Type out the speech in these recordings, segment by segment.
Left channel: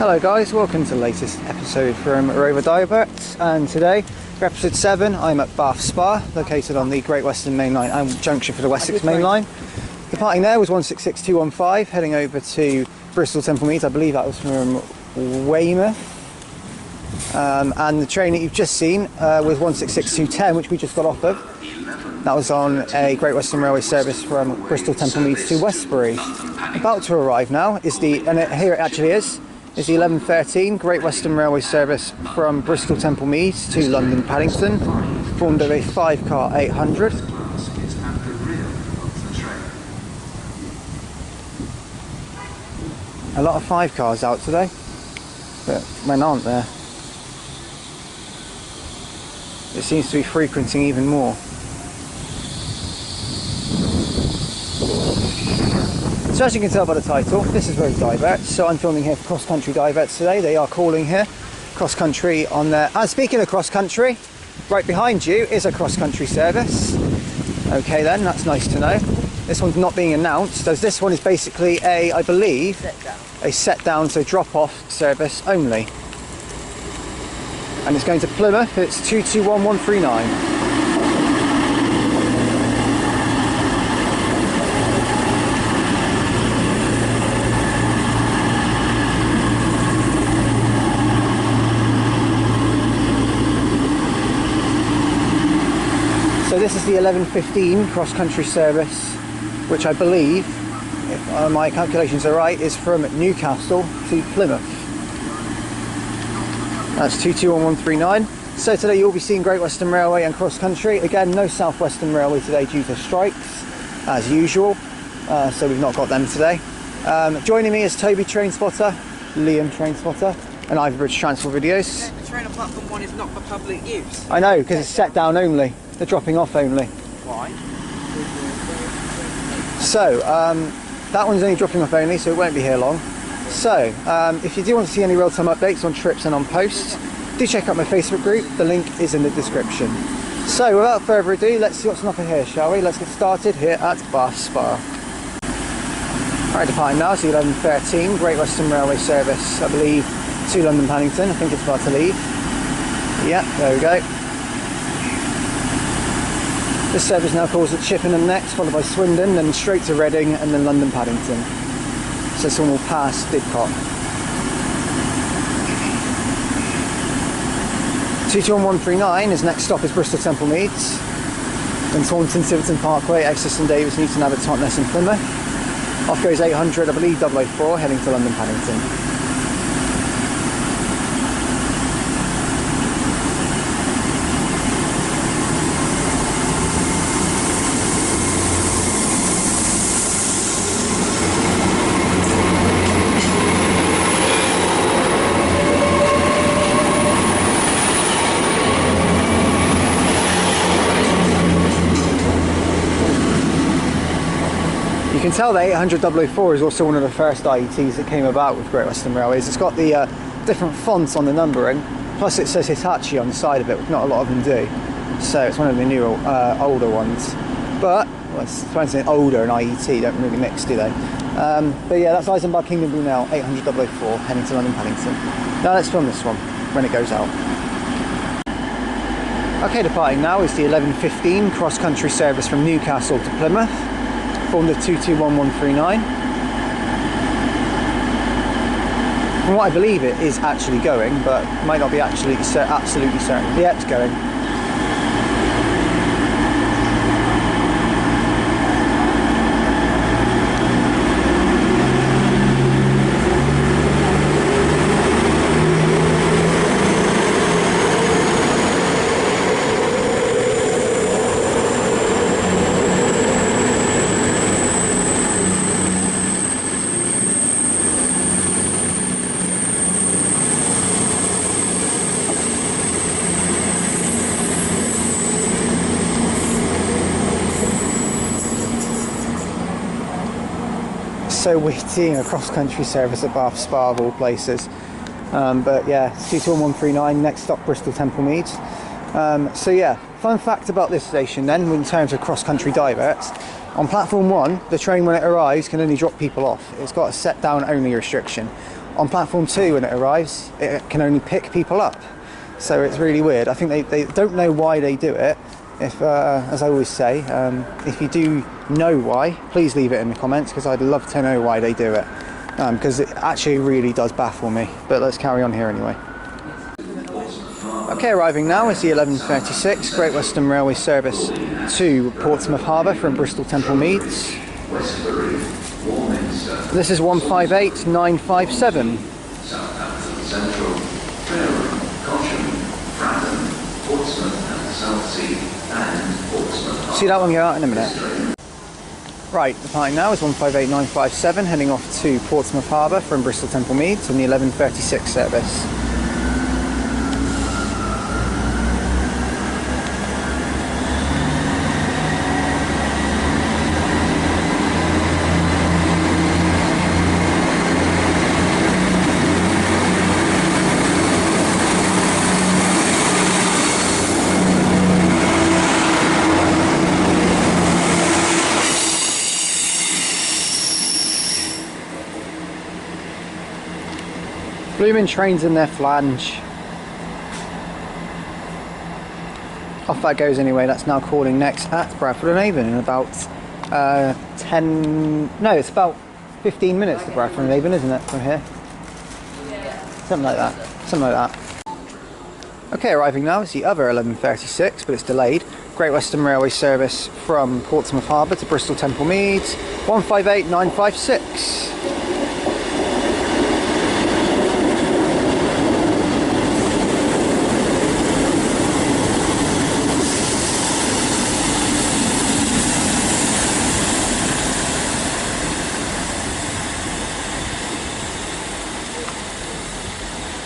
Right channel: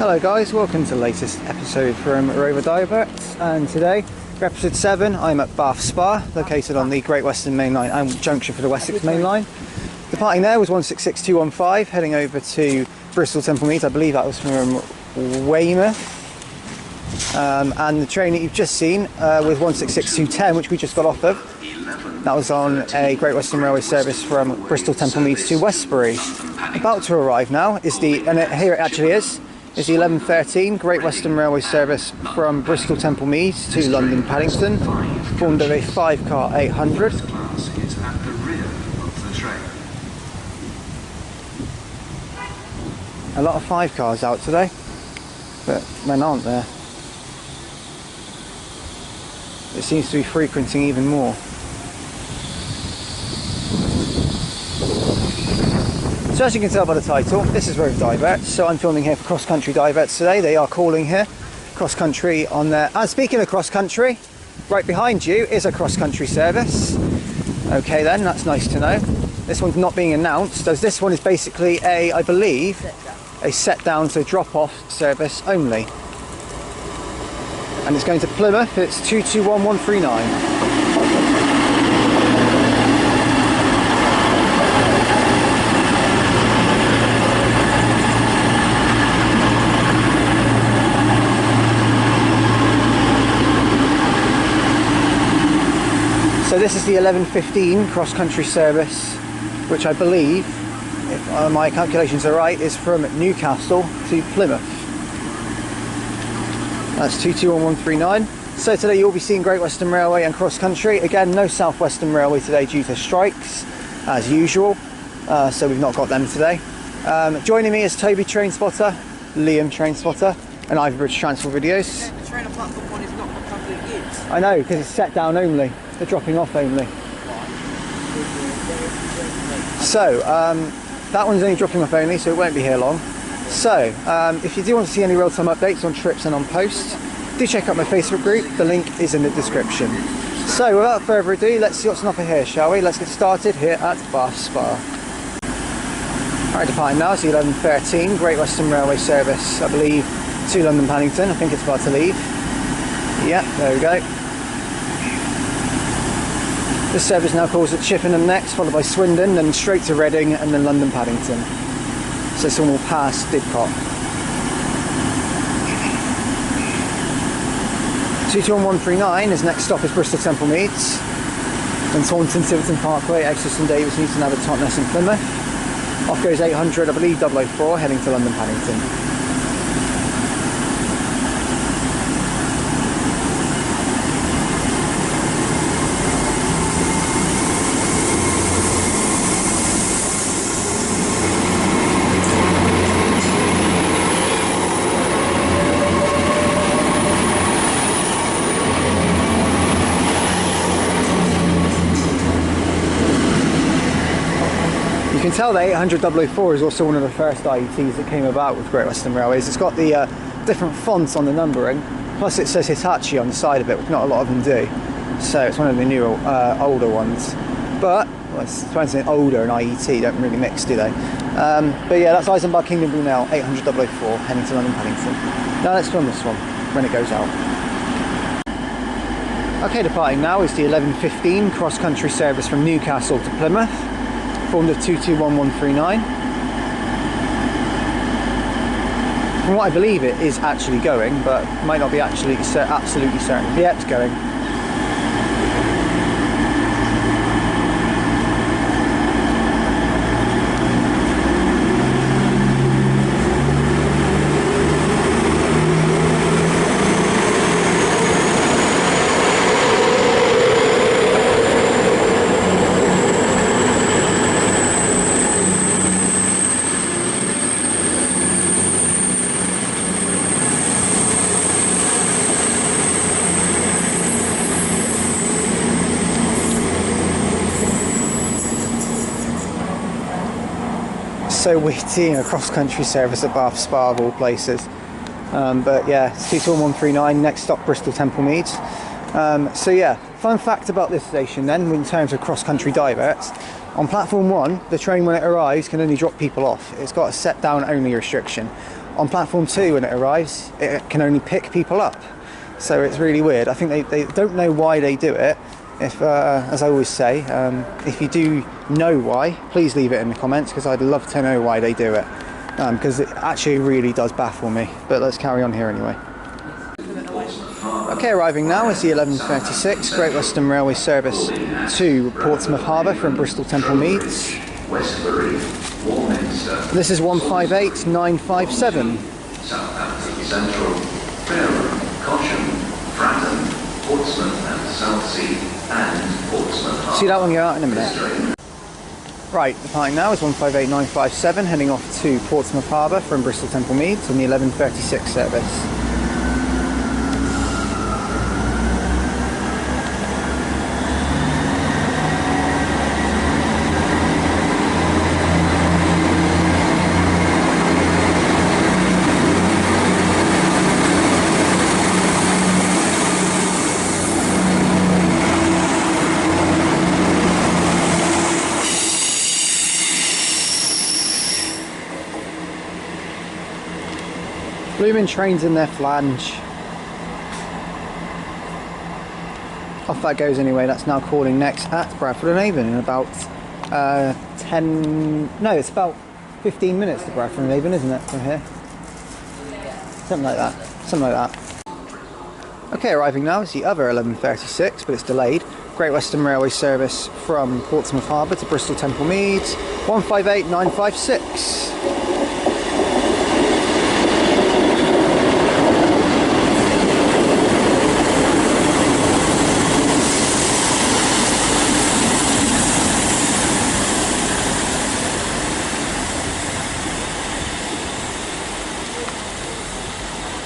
Hello guys, welcome to the latest episode from Rover Diverts, and today for episode 7 I'm at Bath Spa, located on the Great Western Main Line and junction for the Wessex Main Line. Departing there was 166215, heading over to Bristol Temple Meads. I believe that was from Weymouth. And the train that you've just seen was 166210, which we just got off of. That was on a Great Western Railway service from Bristol Temple Meads to Westbury. About to arrive now is here it actually is the 1113 Great Western Railway service from Bristol Temple Meads to London Paddington, formed of a 5-car 800. A lot of 5 cars out today, but men aren't there. It seems to be frequenting even more. So as you can tell by the title, this is Rover Diverts, so I'm filming here for CrossCountry Diverts today. They are calling here CrossCountry on their... And speaking of CrossCountry, right behind you is a CrossCountry service. Okay then, that's nice to know. This one's not being announced, as this one is basically I believe, a set down, so drop off service only. And it's going to Plymouth. It's 221139. So this is the 1115 cross-country service, which I believe, if my calculations are right, is from Newcastle to Plymouth. That's 221139. So today you'll be seeing Great Western Railway and cross-country. Again, no South Western Railway today due to strikes, as usual. So we've not got them today. Joining me is Toby Train Spotter, Liam Train Spotter, and Ivybridge Transport Videos. Yeah, the train on platform 1 is not for public use. I know, because it's set down only. They're dropping off only. Why? So, that one's only dropping off only, so it won't be here long. So, if you do want to see any real-time updates on trips and on posts, do check out my Facebook group. The link is in the description. So, without further ado, let's see what's on offer here, shall we? Let's get started here at Bath Spa. Alright, departing now is the 1113 Great Western Railway service, I believe, to London Paddington. I think it's about to leave. Yeah, there we go. This service now calls at Chippenham next, followed by Swindon, then straight to Reading, and then London Paddington. So this one will pass Didcot. 221139, his next stop is Bristol Temple Meads. Then Taunton, Tiverton Parkway, Exeter and Davis, Newton Abbot, Totnes and Plymouth. Off goes 800, I believe 004, heading to London Paddington. You can tell that 800 004 is also one of the first IETs that came about with Great Western Railways. It's got the different fonts on the numbering, plus it says Hitachi on the side of it, which not a lot of them do. So it's one of the newer, older ones. But, well, it's supposed to say older and IET don't really mix, do they? But yeah, that's Eisenbach Kingdom Brunel, 800 004, heading to London Paddington. Now let's film this one, when it goes out. Okay, departing now is the 1115 cross-country service from Newcastle to Plymouth, formed of 221139. From what I believe it is actually going, but might not be absolutely certain. Yeah, it's going. So we're seeing a cross-country service at Bath Spa of all places. But yeah, it's 221139, next stop Bristol Temple Meads. So yeah, fun fact about this station then, in terms of cross-country diverts. On platform 1, the train when it arrives can only drop people off. It's got a set down only restriction. on platform 2 when it arrives, it can only pick people up. So it's really weird. I think they don't know why they do it. If, as I always say, if you do know why, please leave it in the comments, because I'd love to know why they do it. Because it actually really does baffle me. But let's carry on here anyway. Okay, arriving now is the 11:36 Great Western Railway service to Portsmouth Harbour from Bristol Temple Meads. This is 158957. Southampton Central, Fareham, Cosham, Fratton, Portsmouth and Southsea, and Portsmouth Harbour. See that one go out in a minute. Right, departing now is 158957, heading off to Portsmouth Harbour from Bristol Temple Meads on the 11:36 service. Blooming trains in their flange. Off that goes anyway. That's now calling next at Bradford and Avon in about 15 minutes to Bradford and Avon, isn't it, from here? Something like that. Something like that. Okay, arriving now is the other 11:36, but it's delayed. Great Western Railway service from Portsmouth Harbour to Bristol Temple Meads, 158956.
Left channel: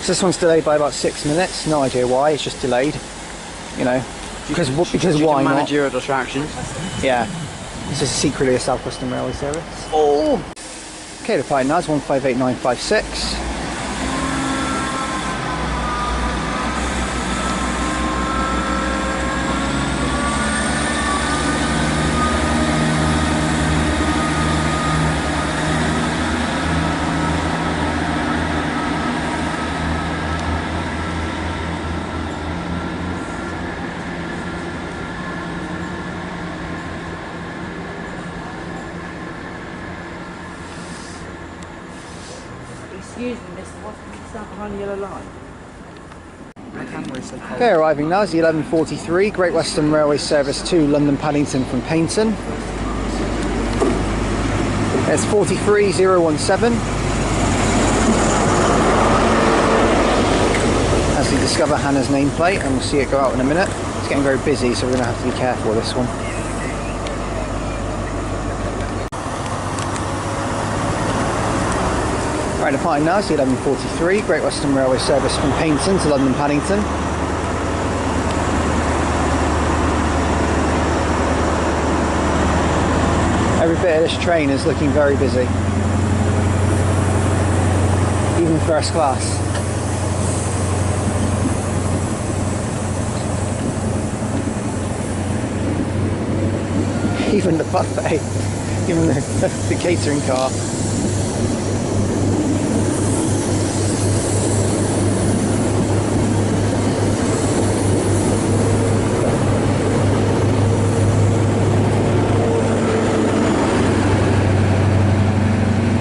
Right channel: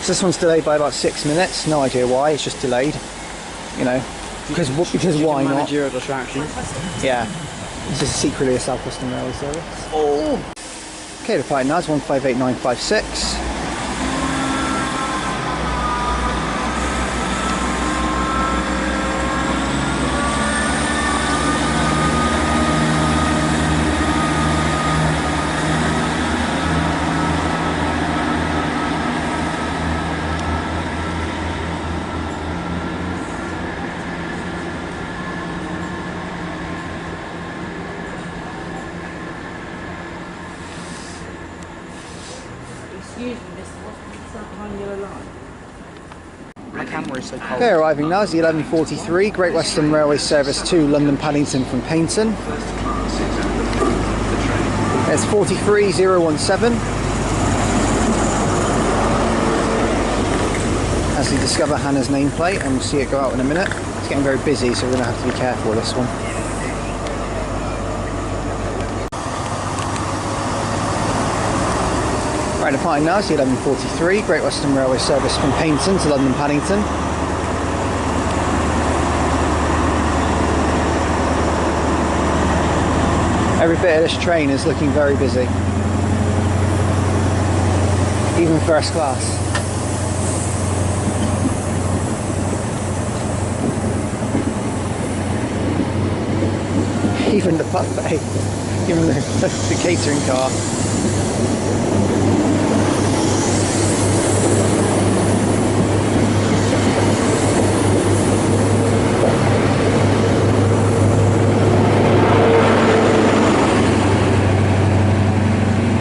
So this one's delayed by about 6 minutes. No idea why. It's just delayed. You know, because why not? Managerial distraction. Yeah. This is secretly a South Western Railway service. Oh. Okay, the flight now is 158956. Excuse me, mister, what's that behind the yellow line? My camera is so cold. Okay, arriving now is the 11:43 Great Western Railway service to London Paddington from Paignton. It's 43017. As we discover Hannah's nameplate, and we'll see it go out in a minute. It's getting very busy, so we're going to have to be careful with this one. Right, departing now is the 11:43 Great Western Railway service from Paignton to London Paddington. Every bit of this train is looking very busy. Even first class. Even the buffet, even the catering car.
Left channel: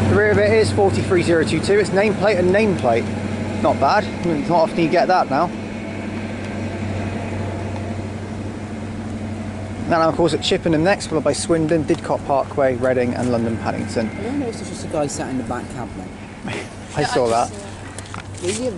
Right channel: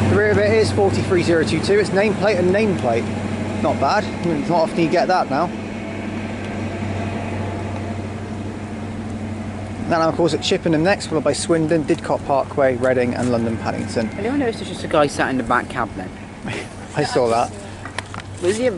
The rear of it is 43022. It's nameplate and nameplate. Not bad. It's not often you get that now. Then of course at Chippenham next, followed by Swindon, Didcot Parkway, Reading and London Paddington. I don't know if there's just a guy sat in the back cab then. I saw that. Was he?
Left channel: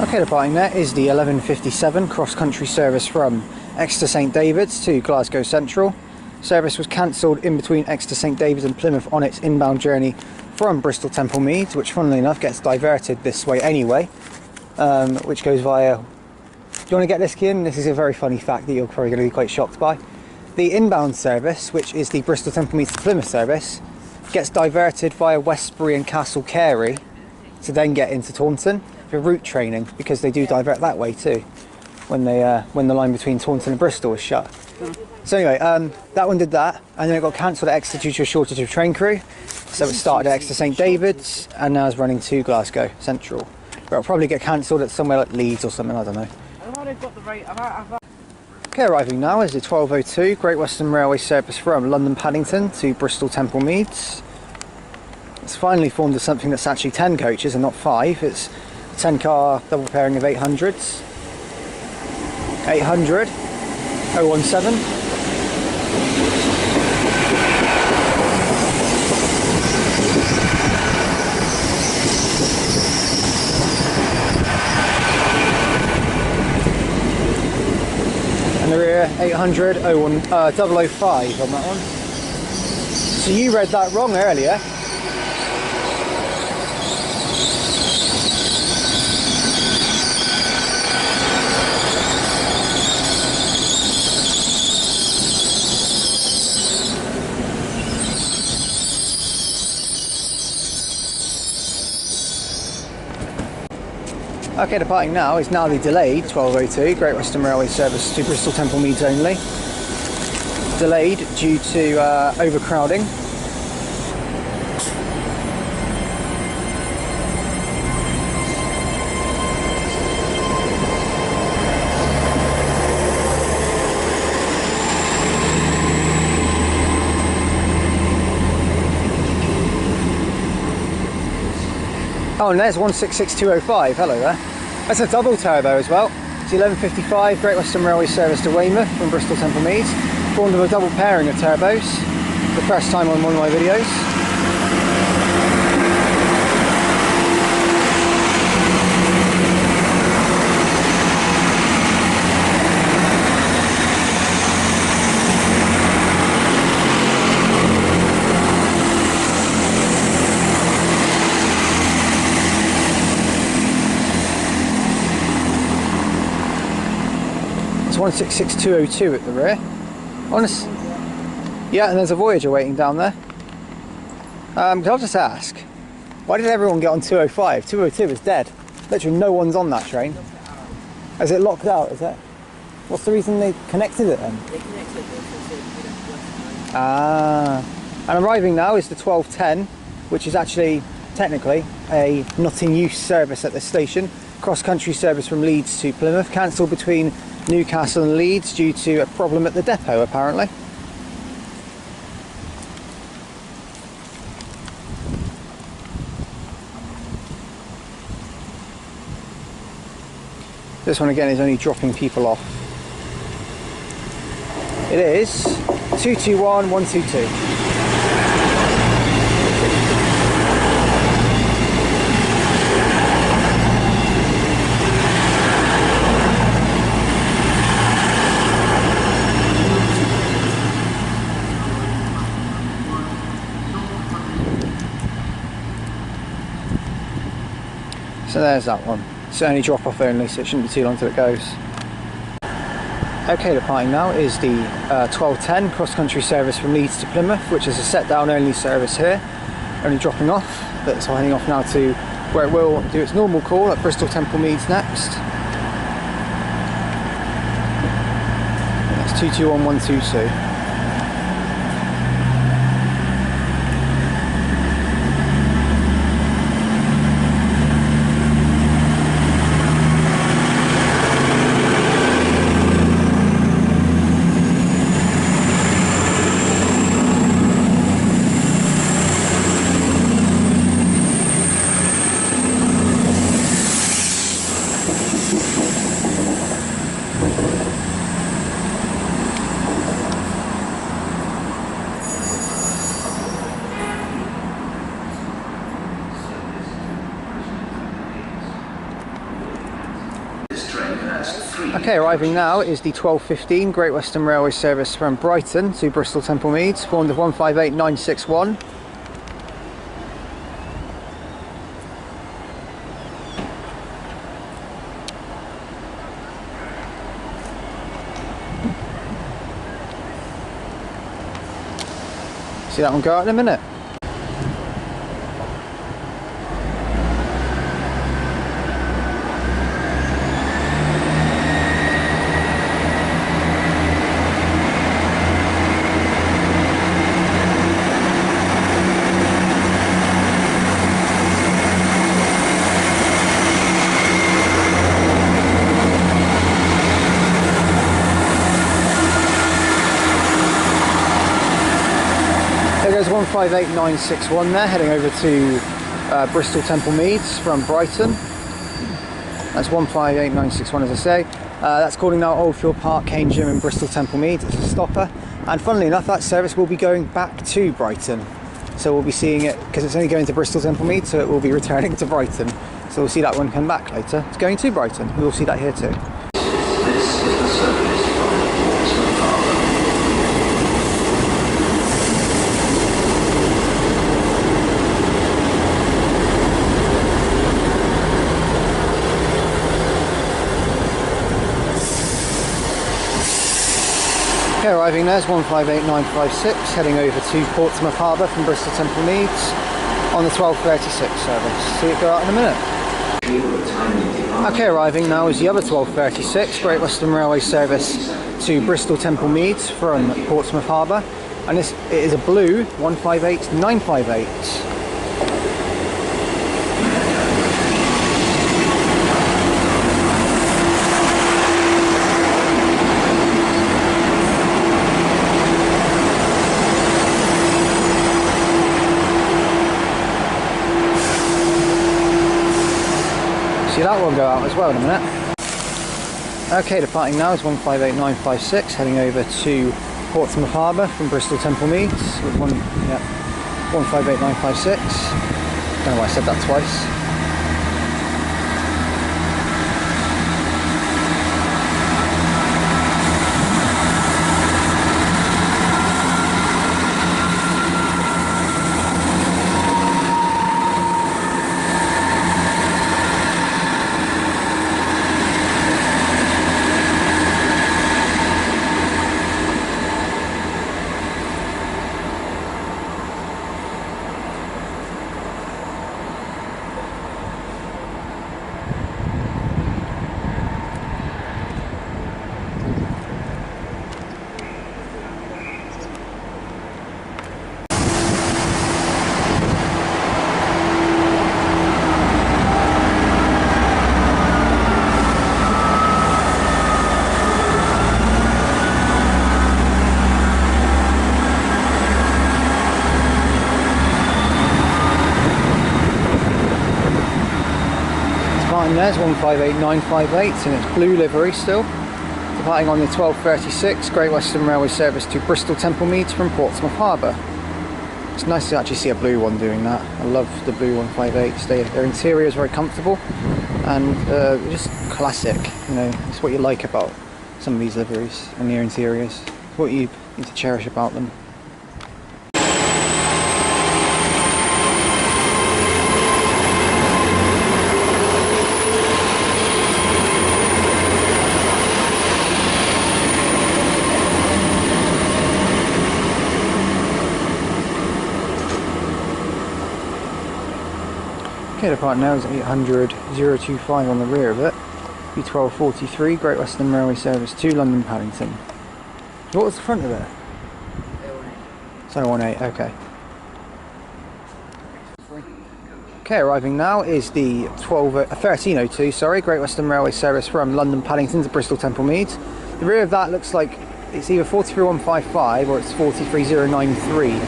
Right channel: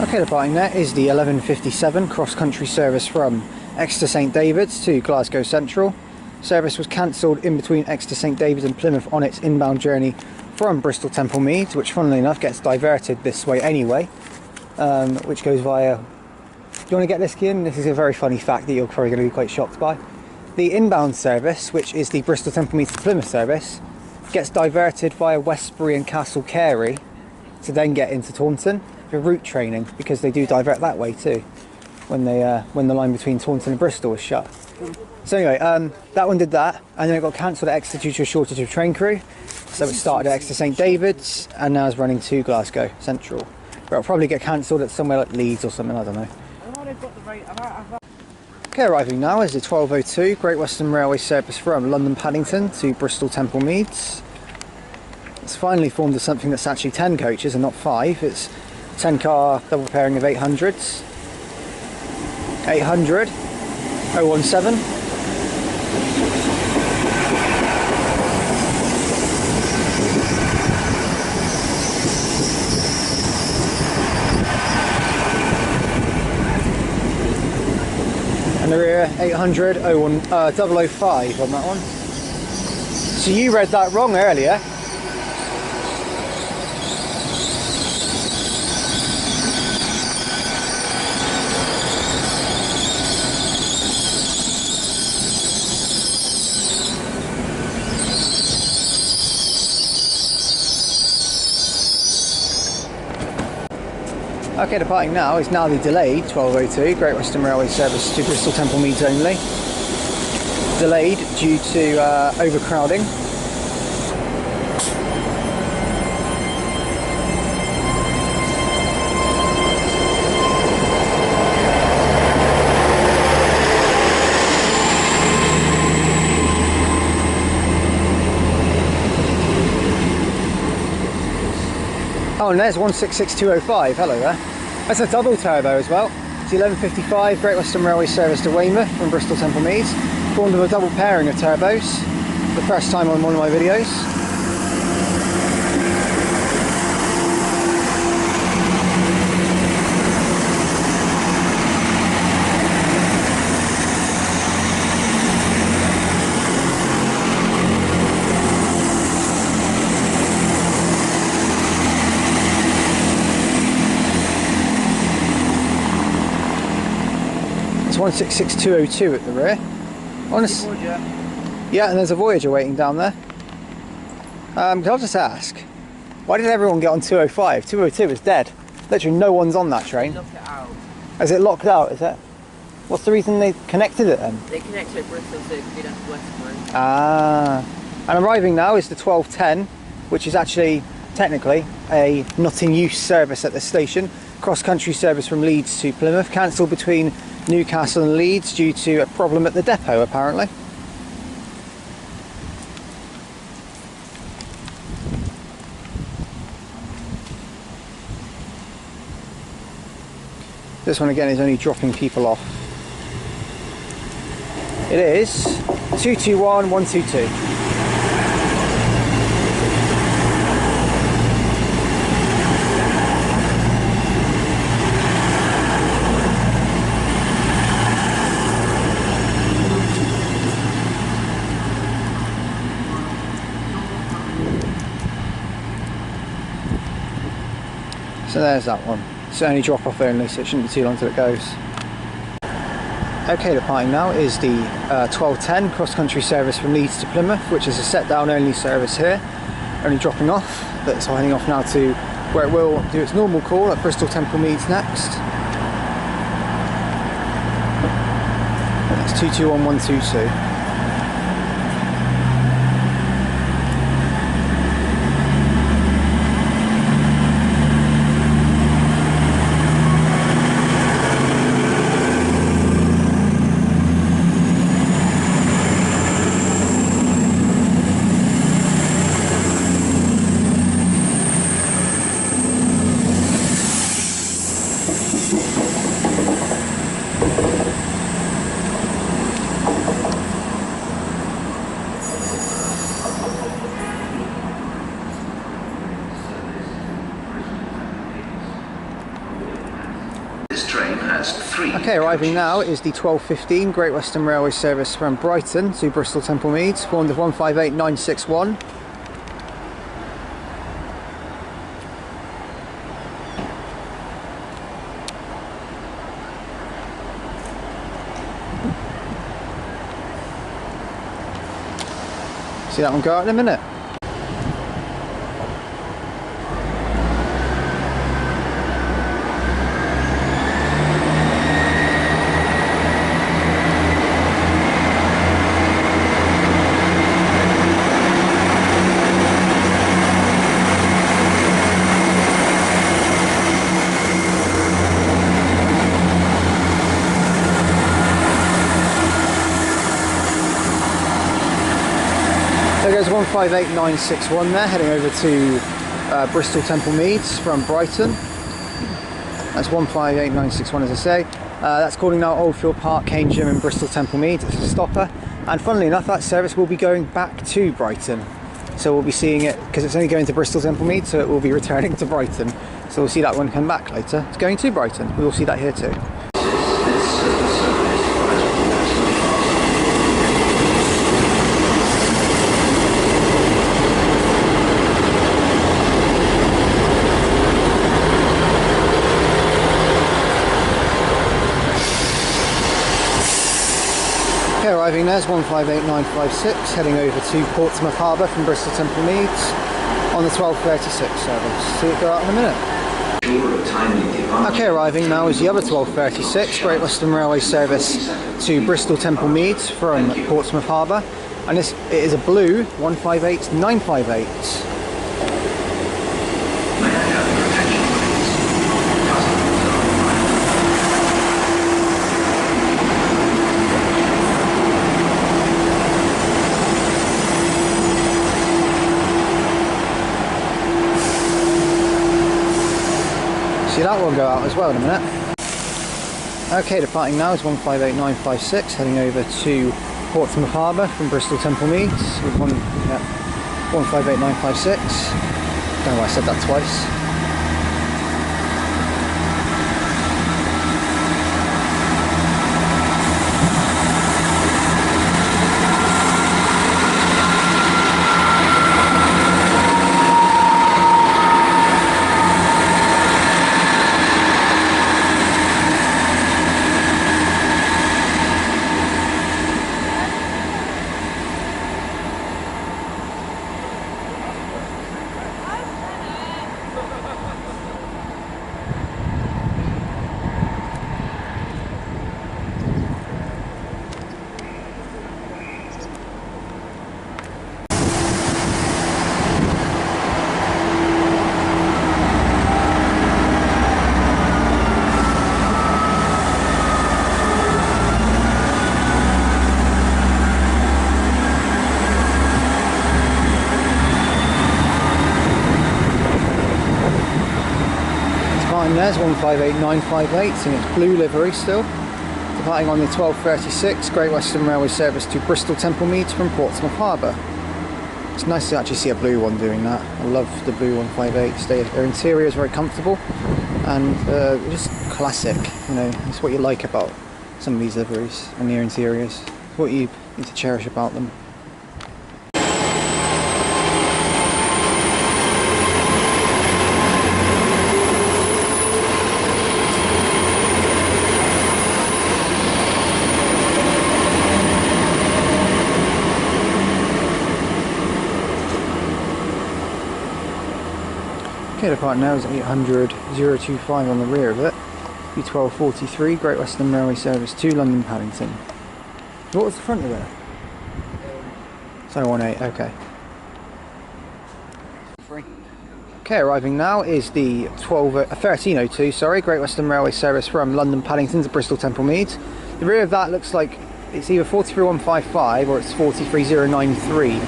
Okay, departing there is the 11:57 CrossCountry service from Exeter St David's to Glasgow Central. Service was cancelled in between Exeter St David's and Plymouth on its inbound journey from Bristol Temple Meads, which funnily enough gets diverted this way anyway, which goes via... Do you want to get this, Kian? This is a very funny fact that you're probably going to be quite shocked by. The inbound service, which is the Bristol Temple Meads to Plymouth service, gets diverted via Westbury and Castle Carey to then get into Taunton for route training, because they do divert that way too when the line between Taunton and Bristol was shut. So anyway, that one did that, and then it got cancelled at Exeter due to a shortage of train crew. So it started at Exeter St David's and now is running to Glasgow Central. But it'll probably get cancelled at somewhere like Leeds or something, I don't know. Okay, arriving now is the 1202 Great Western Railway service from London Paddington to Bristol Temple Meads. It's finally formed as something that's actually 10 coaches and not 5. It's a 10 car double pairing of 800s. 800 017. And the rear 800 005 on that one. So you read that wrong earlier. Okay, departing now is now the delayed 1202 Great Western Railway service to Bristol Temple Meads only. Delayed due to overcrowding. Oh, and there's 166205, hello there. That's a double turbo as well. It's 1155 Great Western Railway service to Weymouth from Bristol Temple Meads. Formed of a double pairing of turbos. The first time on one of my videos. It's 166202 at the rear. Honest. Yeah, and there's a Voyager waiting down there. Can I just ask, why did everyone get on 205? 202 is dead. Literally no one's on that train. Is it locked out, is it? What's the reason they connected it then? They connected Bristol to West. Ah. And arriving now is the 1210, which is actually technically a not in use service at this station. Cross-country service from Leeds to Plymouth, cancelled between Newcastle and Leeds due to a problem at the depot apparently. This one again is only dropping people off. It is 221 122. So there's that one. It's only drop off only, so it shouldn't be too long till it goes. Okay, departing now is the 1210 cross-country service from Leeds to Plymouth, which is a set-down only service here. Only dropping off, but it's heading off now to where it will do its normal call at Bristol Temple Meads next. That's 221 122. Okay, arriving now is the 1215 Great Western Railway service from Brighton to Bristol Temple Meads, formed of 158961. See that one go out in a minute. There goes 158961 there, heading over to Bristol Temple Meads from Brighton. That's 158961 as I say. That's calling now Oldfield Park, Cane Gym and Bristol Temple Meads. It's a stopper. And funnily enough, that service will be going back to Brighton. So we'll be seeing it, because it's only going to Bristol Temple Meads, so it will be returning to Brighton. So we'll see that one come back later. It's going to Brighton. We will see that here too. Okay, arriving there is 158956, heading over to Portsmouth Harbour from Bristol Temple Meads on the 12:36 service. See it go out in a minute. Okay, arriving now is the other 12:36, Great Western Railway service to Bristol Temple Meads from Portsmouth Harbour, and it is a blue 158958. See that one go out as well in a minute. Okay, departing now is 158956, heading over to Portsmouth Harbour from Bristol Temple Meads with 158956. Don't know why I said that twice. There's 158958 in its blue livery still. Departing on the 12:36 Great Western Railway service to Bristol Temple Meads from Portsmouth Harbour. It's nice to actually see a blue one doing that. I love the blue 158s. Their interior is very comfortable and just classic. You know, it's what you like about some of these liveries and their interiors. It's what you need to cherish about them. Okay, the part now is 800 025 on the rear of it. B1243, Great Western Railway service to London Paddington. What was the front of it? 018, okay. Okay, arriving now is the 1302, sorry, Great Western Railway service from London Paddington to Bristol Temple Meads. The rear of that looks like it's either 43155 or it's 43093.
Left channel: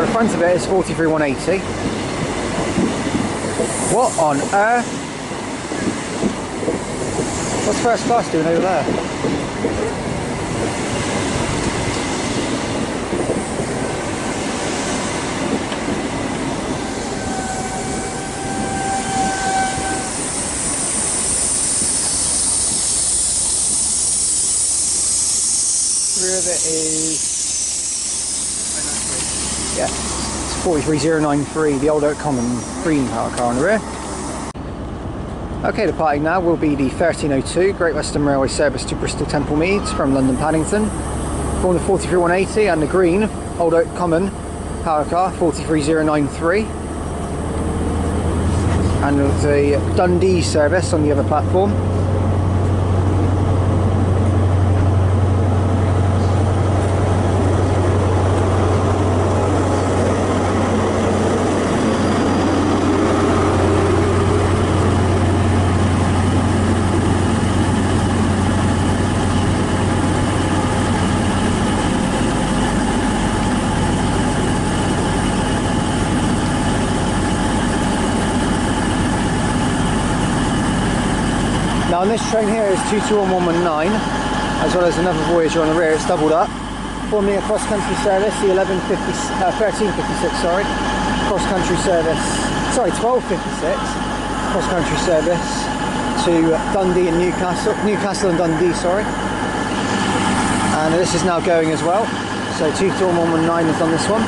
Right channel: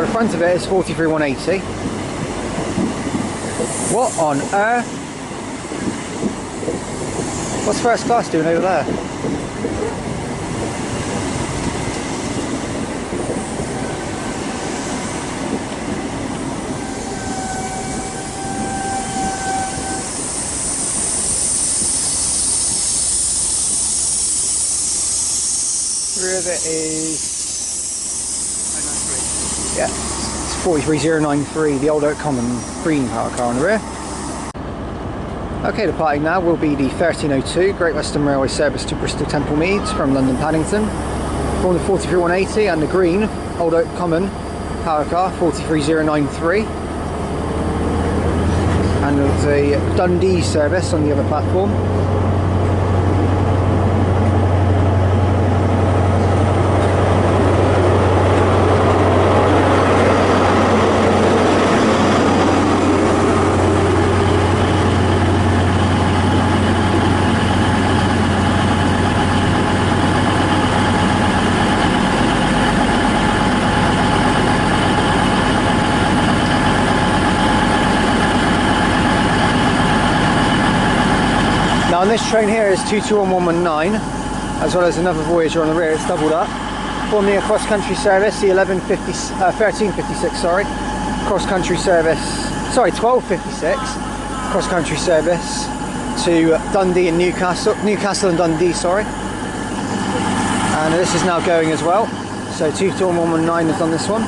The front of it is 43180. What on earth? What's first class doing over there? The rear of it is... yeah, it's 43093, the old Oak Common green power car on the rear. Okay, departing now will be the 1302 Great Western Railway service to Bristol Temple Meads from London Paddington. From the 43180 and the green Old Oak Common power car 43093. And there's a Dundee service on the other platform. Now on this train here is 221119, as well as another Voyager on the rear. It's doubled up, forming a cross-country service, the 1356, sorry, cross-country service, sorry, 1256 cross-country service to Dundee and Newcastle and Dundee, sorry. And this is now going as well. So 221119 is on this one.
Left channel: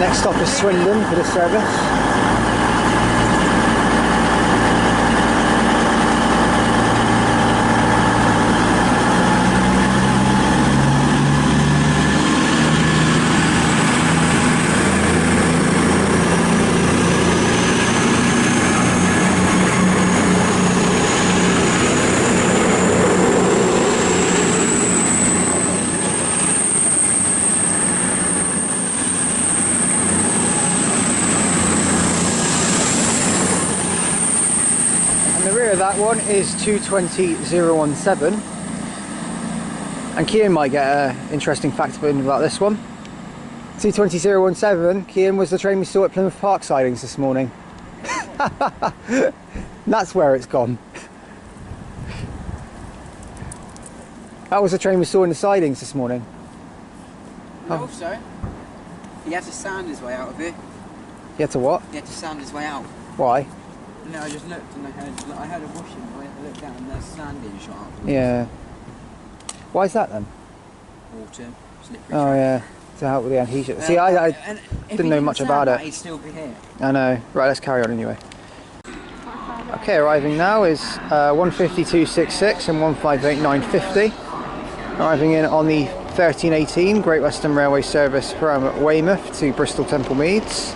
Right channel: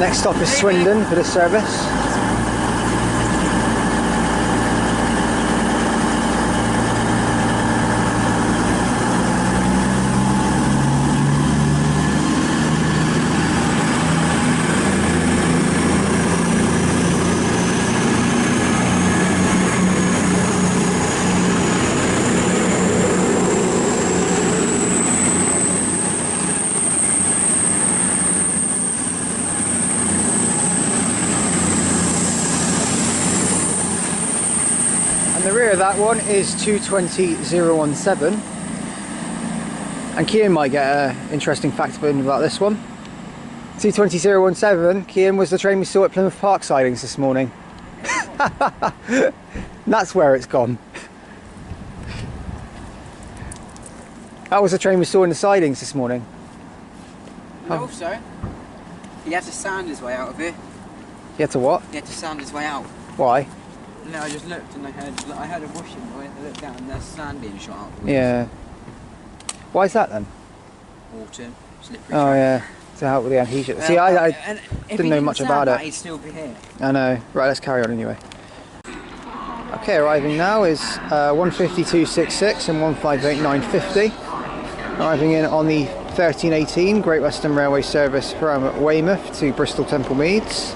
Next stop is Swindon for this service. The rear of that one is 220017, and Kian might get an interesting fact about this one. 220017, Kian, was the train we saw at Plymouth Park sidings this morning. That's where it's gone. That was the train we saw in the sidings this morning. And also, he had to sand his way out of here. He had to what? He had to sand his way out. Why? No, I just looked and I heard a whooshing noise. I looked down and there's sand being shot out. Yeah. Why is that then? Water, slippery. Oh yeah, to help with the adhesion. See, I didn't know much about it. He'd still be here. I know. Right, let's carry on anyway. Okay, arriving now is 15266 and 158950. Arriving in on the 1318 Great Western Railway service from Weymouth to Bristol Temple Meads.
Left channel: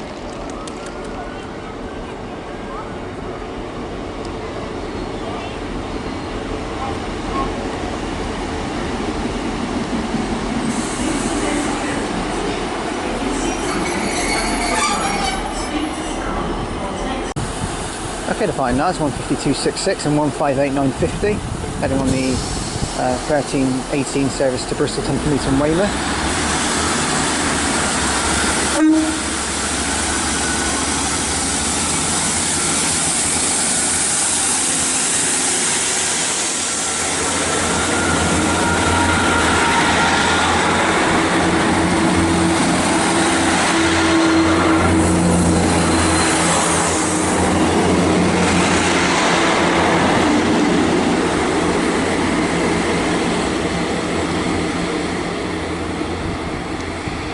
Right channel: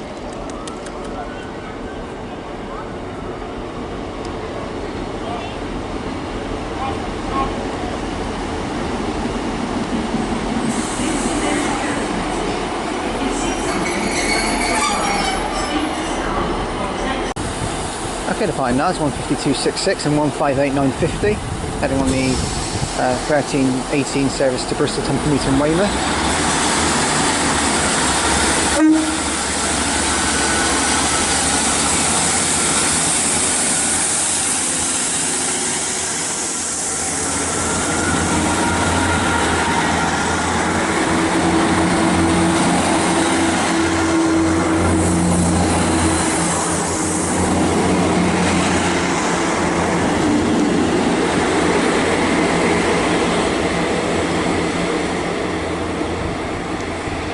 Okay, departing now is 15266 and 158950, heading on the 1318 service to Bristol Temple Meads from Weymouth.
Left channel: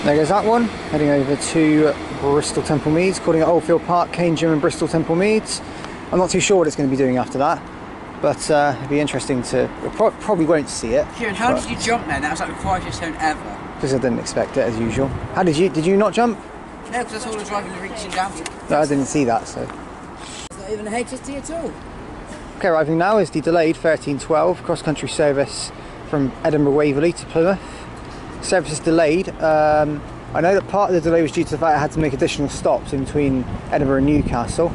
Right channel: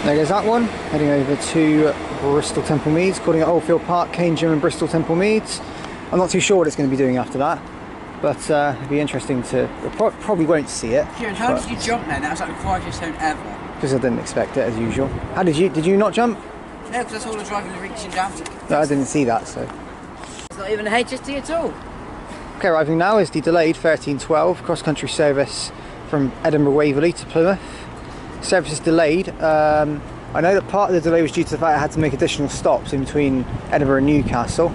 There goes that one, heading over to Bristol Temple Meads, calling at Oldfield Park, Cane Gym and Bristol Temple Meads. I'm not too sure what it's going to be doing after that, but it'd be interesting to, probably won't see it. Kieran, how did you jump then? That was like the quietest zone ever. Because I didn't expect it as usual. How did you not jump? No, because I saw the driver reaching down. No, I didn't see that, so. It's not even a HST at all. Okay, arriving now is the delayed 1312 cross-country service from Edinburgh Waverley to Plymouth. Service is delayed. I know that part of the delay was due to the fact I had to make additional stops in between Edinburgh and Newcastle.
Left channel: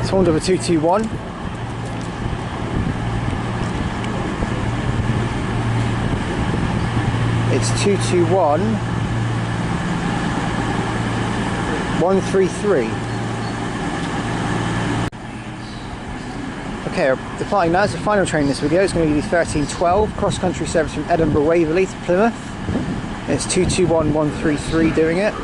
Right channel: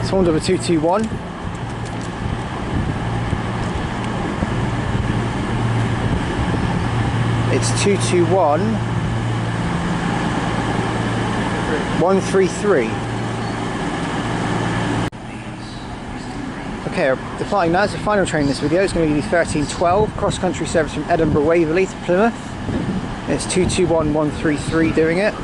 It's Horn number 221. It's 221 133. Okay, departing now is the final train in this video. It's going to be the 1312 cross-country service from Edinburgh Waverley to Plymouth. It's 221133 doing it.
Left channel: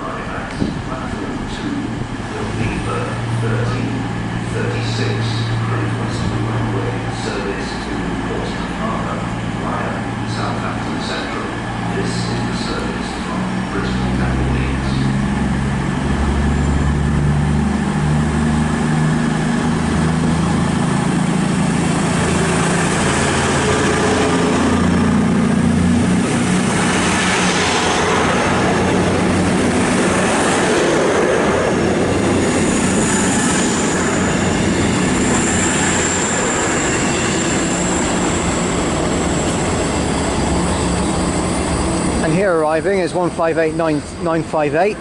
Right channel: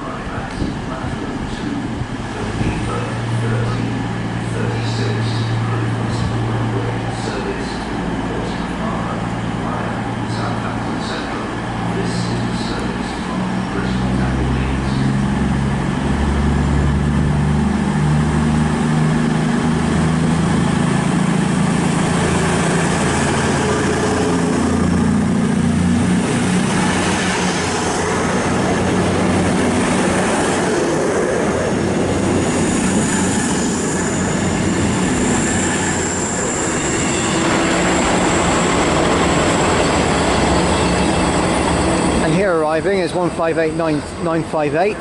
here arriving is 158958,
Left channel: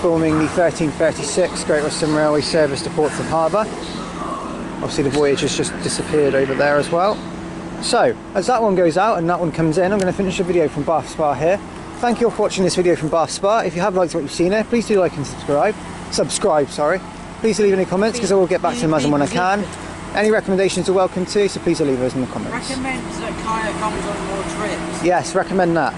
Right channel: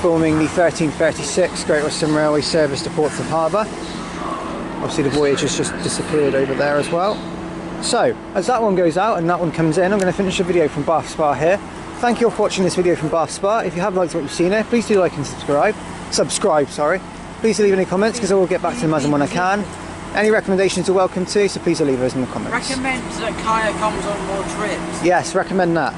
forming the 1336 Great Western Railway service to Portsmouth Harbour. Obviously the voyage has just disappeared over there as well. So, as that one goes out and that one comes in, I'm going to finish the video from Bath Spa here. Thank you all for watching this video from Bath Spa. If you have liked what you've seen here, please do like and subscribe. Please leave any comments because I will get back to them as and when I can. Any recommendations are welcome too, so please do leave those in the comments. Recommend that Kaya comes on more trips. Yes, recommend that.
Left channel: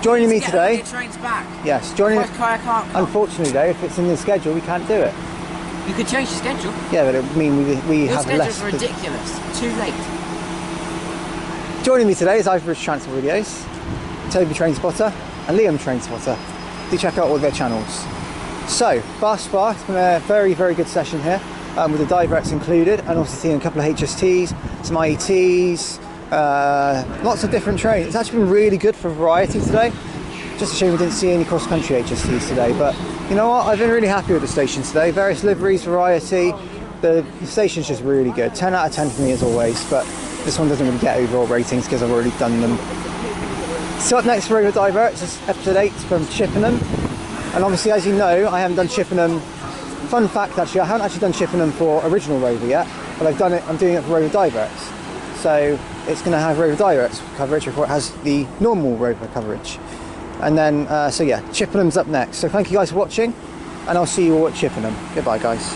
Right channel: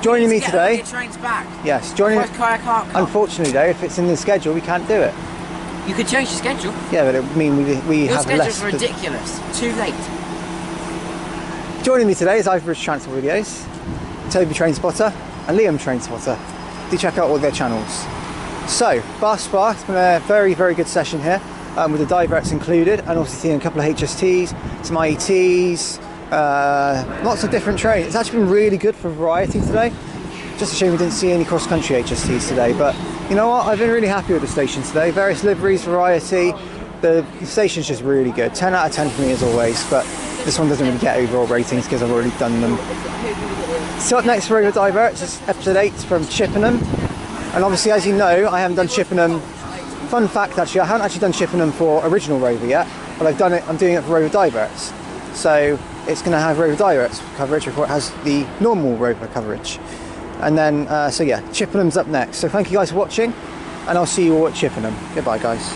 Joining me today. Trains back. Yes, joining. Kaya can't come. Unfortunately, though, if it's in the schedule, we can't do it. You could change the schedule. Yeah, but it would mean we Your have less. schedule's ridiculous. Too late. Joining me today is Ivorish Transport Videos, Toby Trainspotter, and Liam Trainspotter. Do check out all their channels. So, Bath Spa, it's been a very, very good session here, with the diverts included, and also seeing a couple of HSTs, some IETs, lots of different trains. It's actually been really good for variety today. Just a shame we didn't see any cross-country HSTs today, but you know what, I've been really happy with the station today. Various liveries, variety, the station's just really good. 10 out of 10 for me as always, but this one doesn't really get overall ratings because I've already done them. So up next for Rover Diverts is episode 8 from Chippenham. And obviously, as you know, I haven't done Chippenham. Fun fact, actually, I haven't actually done Chippenham for original Rover yet, but I'm doing it for Rover Diverts. So it's going to have Rover Diverts coverage before it has the normal Rover coverage. And then, so yeah, Chippenham's up next. So thank you guys for watching, and I'll see you all at Chippenham. Goodbye, guys.